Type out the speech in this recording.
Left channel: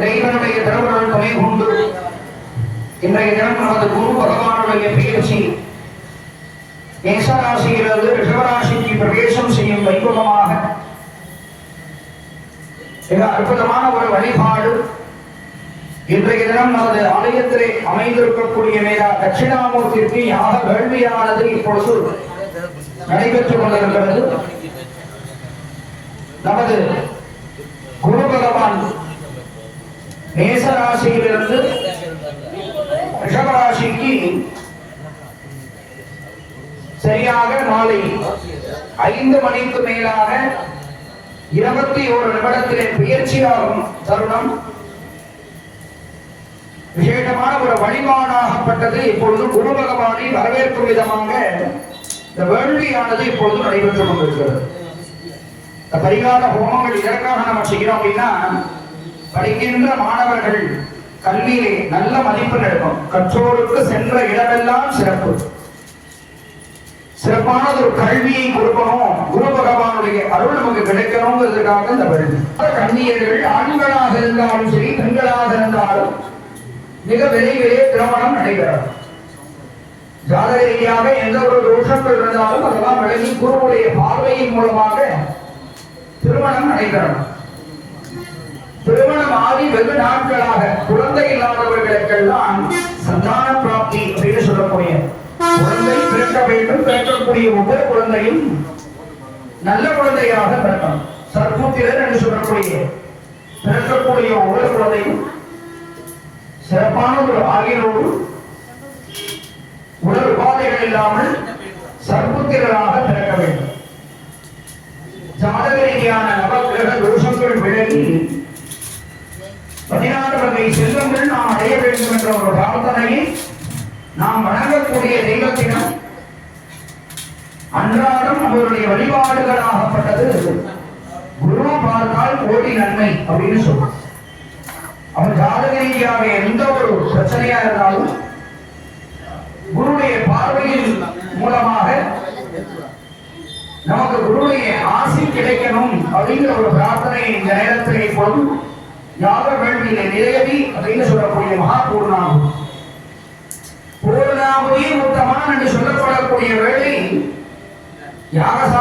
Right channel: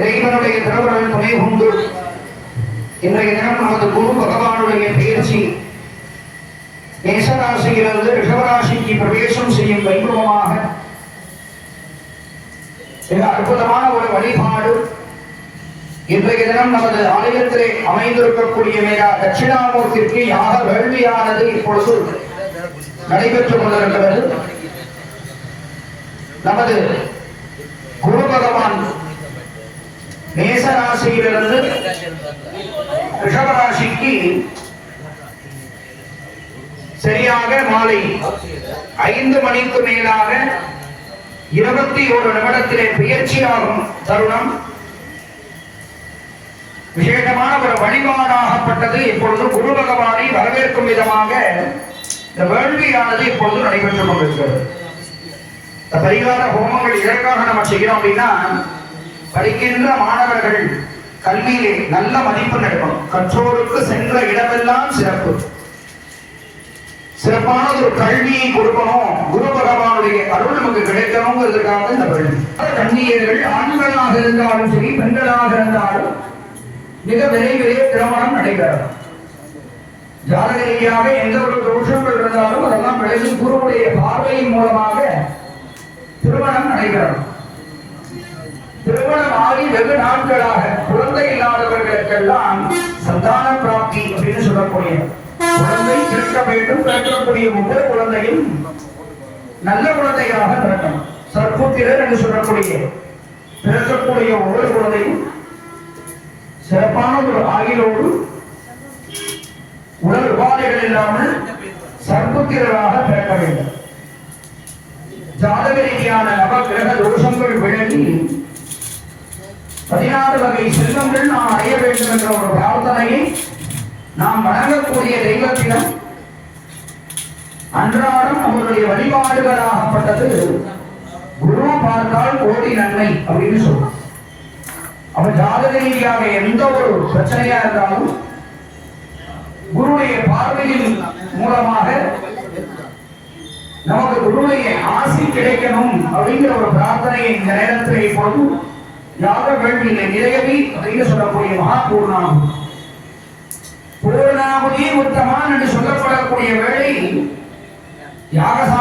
இறைவனுடைய திருவுருள் துணை கொண்டு இன்றைய தினம் நமது குரு பகவானுடைய பயிற்சி மேசராசியிலிருந்து ரிஷபராசிக்கு பிரவேசம் செய்யும் வைபவமாக மிக அற்புதமான ஒரு வழிபாடு. இன்றைய தினம் நமது ஆலயத்திலே அமைந்திருக்கக்கூடிய மேலா தட்சிணாமூர்த்திக்கு யாக வேள்வியானது இப்பொழுது நடைபெற்றுக் கொண்டிருக்கிறது நமது குரு பகவான் மேசராசியிலிருந்து ரிஷபராசிக்கு சரியாக மாலை ஐந்து மணிக்கு மேலாக இருபத்தி ஒரு நிமிடத்திலே பயிற்சியாகும் தருணம். விசேஷமான ஒரு வழிபாடாகப்பட்டது. இப்பொழுது குரு பகவானை வரவேற்கும் விதமாக இந்த வேள்வியானது இப்பொழுது நடைபெற்றுக் கொண்டிருக்கிறது. பரிகார ஹோமங்கள் எதற்காக நம்ம செய்கிறோம் அப்படின்னா படிக்கின்ற மாணவர்கள் கல்வியிலே நல்ல மதிப்பு நடக்கும் கற்றோருக்கு சென்ற இடமெல்லாம் சிறப்பு. சிறப்பான ஒரு கல்வியை கொடுக்கணும். குரு பகவானுடைய அருள் நமக்கு கிடைக்கணுங்கிறதுக்காக இந்த வேள்வி கண்ணியர்கள் ஆண்களாக இருந்தாலும் சரி பெண்களாக இருந்தாலும் மிக விரைவிலே திருமணம் நடைபெறும் ஜாதக ரீதியாக எந்த ஒரு தோஷங்கள் இருந்தாலும் அதெல்லாம் விலகி குருவுடைய பார்வையின் மூலமாக திருமணம் நடைபெறும் திருமணம் ஆகி வெகு நாட்களாக குழந்தை இல்லாதவர்களுக்கெல்லாம் சந்தான பிராப்தி அப்படின்னு சொல்லக்கூடிய குழந்தை பிறக்க வேண்டும் பிறக்கக்கூடிய ஒவ்வொரு குழந்தையும் நல்ல குழந்தையாக பிறக்கணும். சற்புத்திரர் என்று சொல்லக்கூடிய பிறக்கக்கூடிய ஒவ்வொரு குழந்தையும் சிறப்பான ஒரு ஆகியோடு உடல் உபாதைகள் இல்லாமல் சற்புத்திரராக பிறக்க வேண்டும். ஜாதக ரீதியான நவகிரக தோஷங்கள் விலகி பதினாறு வகை செல்வங்கள் நாம் அடைய வேண்டும் என்ற ஒரு பிரார்த்தனையை நாம் வழங்கக்கூடிய தெய்வத்திடம் அன்றாடம் அவருடைய வழிபாடுகளாகப்பட்டது. குரு பார்த்தால் கோடி நன்மை அப்படின்னு சொல்றோம். அவன் ஜாதக ரீதியாக எந்த ஒரு பிரச்சனையா இருந்தாலும் குருடைய பார்வையின் மூலமாக நமக்கு குருடைய ஆசி கிடைக்கணும் அப்படிங்கிற ஒரு பிரார்த்தனையை இந்த நேரத்தில் இப்போது யாக வேள்வியிலே நிறையவி அப்படின்னு சொல்லக்கூடிய மகா பூர்ணாகும் பூர்ணாகுதி உத்தமான் என்று சொல்லப்படக்கூடிய வேளை யாகசா